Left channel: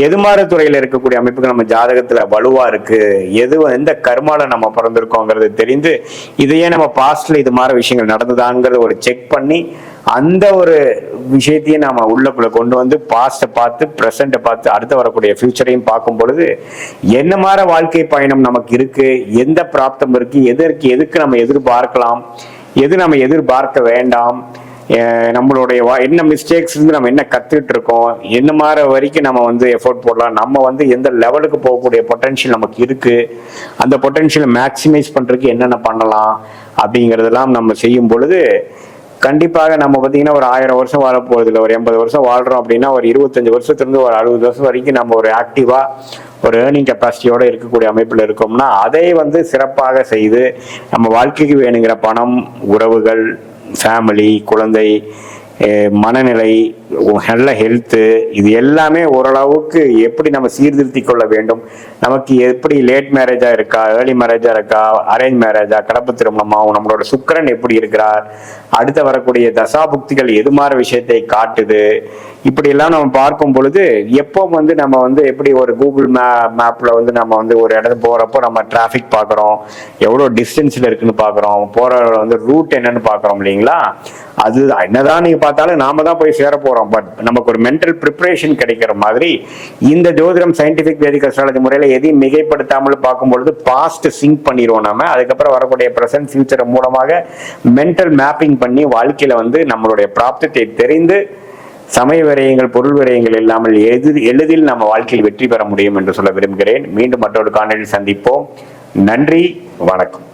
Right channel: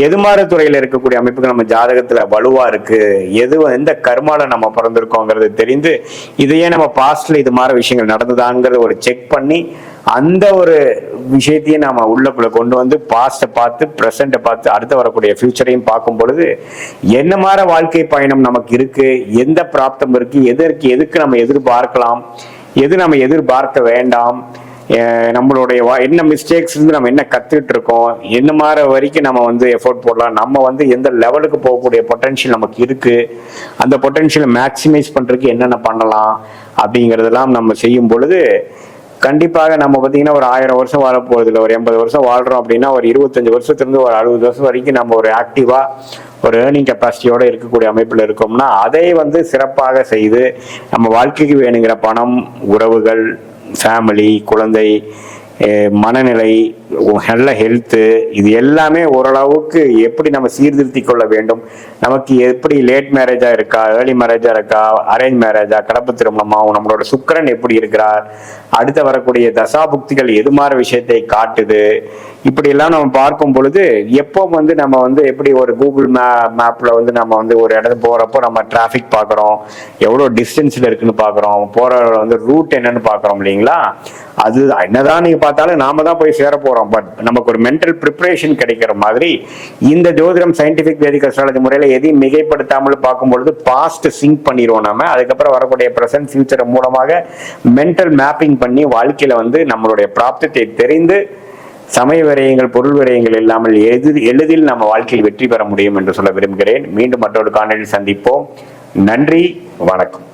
எதிர்மாறு துறையில இருக்கக்கூடிய அமைப்புகள் நம்ம ஜாதகத்துல வலுவா இருக்கு, எந்த கர்மால நம்ம பிறந்திருக்கோங்கிறது தெரிந்து இதையே நம்ம பாஸ்ட்ல இது மாதிரி விஷயங்கள் நடந்துதாங்கிறது ஒரு செக் பண்ணி அந்த ஒரு விஷயத்தையும் நாம உள்ளுக்குள்ள கொண்டு வந்து பாஸ்ட பார்த்து பிரசண்ட பார்த்து அடுத்த வரக்கூடிய ஃபியூச்சரையும் பார்க்கும் பொழுது என்ன மாதிரி வாழ்க்கை பயணம் நமக்கு இருக்கு, எந்த பிராப்தம் இருக்கு, எதுக்கு நம்ம எதிர்பார்க்கலாம், எது நம்ம எதிர்பார்க்க வேண்டாம், நம்மளுடைய என்ன மிஸ்டேக்ஸ் இருந்து நம்ம என்ன கத்துக்கிட்டு இருக்கோம், என்ன மாதிரி வரைக்கும் நம்ம எஃபோர்ட் போடலாம், நம்ம எந்த லெவலுக்கு போகக்கூடிய பொட்டன்ஷியல் நமக்கு இருக்கு, அந்த பொட்டன்ஷியலை மேக்சிமைஸ் பண்றதுக்கு என்னென்ன பண்ணலாம் அப்படிங்கறதெல்லாம் நம்ம செய்யும் பொழுது கண்டிப்பாக நம்ம பார்த்தீங்கன்னா ஒரு 1000 வருஷம் வாழ போறது இல்லை, ஒரு 80 வருஷம் வாழ்றோம் அப்படின்னா ஒரு 25 வருஷத்துக்கு ஒரு 60 வருஷம் வரைக்கும் நம்ம ஒரு ஆக்டிவா ஒரு ஏர்னிங் கெப்பாசிட்டியோட இருக்கக்கூடிய அமைப்புல இருக்கோம்னா அதை சிறப்பாக செய்து நம்ம வாழ்க்கைக்கு வேணுங்கிற பணம், உறவுகள், ஃபேமிலி, குழந்தை, மனநிலை, நல்ல ஹெல்த்து, இது எல்லாமே ஓரளவுக்கு எப்படி நம்ம சீர்திருத்தி கொள்ள வேண்டும், நமக்கு எப்படி லேட் மேரேஜா இருக்கா, ஏர்லி மேரேஜா இருக்கா, அரேஞ்ச் மேரேஜா, கலப்பு திருமணமா, நம்மளோட சுக்கிரன் எப்படி இருக்கிறார், அடுத்த வரக்கூடிய தசாபுக்திகள் எது மாதிரி விஷயத்தை காட்டுது, இப்படி எல்லாம் நம்ம பார்க்கும் பொழுது எப்போ நம்ம எப்படி ஒரு கூகுள் மேப்ல நம்ம ஒரு இடத்துக்கு போறப்போ நம்ம டிராபிக் பாக்குறோம், எவ்வளவு டிஸ்டன்ஸ்ல இருக்குன்னு பாக்குறோம், போற ரூட் என்னன்னு பாக்குறோம் இல்லைங்களா. அது என்னதான் நீங்க பார்த்தாலும் நாம தான் போய் சேர போறோம், பட் நமக்கு ஒரு மென்டல் ப்ரிப்பரேஷன் கிடைக்கிற மாதிரி இந்த ஜோதிடம் சயின்டிபிக் வேதிக் அஸ்ட்ராலஜி முறையில எதையும் மிகைப்படுத்தாமல் பார்க்கும்பொழுது பாஸ்ட் சிங்க் பண்ணிடுவோம். நம்ம அதுக்கப்புறம் வரக்கூடிய பிரசன்ட் ஃபியூச்சர் மூலமாக மென்டல் மேப்பிங் பண்ணி வாழ்க்கையில நம்மளுடைய பிராப்தத்தை தெரிந்து சமய விரயங்கள், பொருள் விரயங்கள் இல்லாமல் எளிதில் நம்ம வாழ்க்கையில் வெற்றி பெற முடியும் என்று சொல்ல விரும்புகிறேன். மீண்டும் மற்றொரு காணொலியில் சந்திப்போம். நன்றி, வணக்கம்.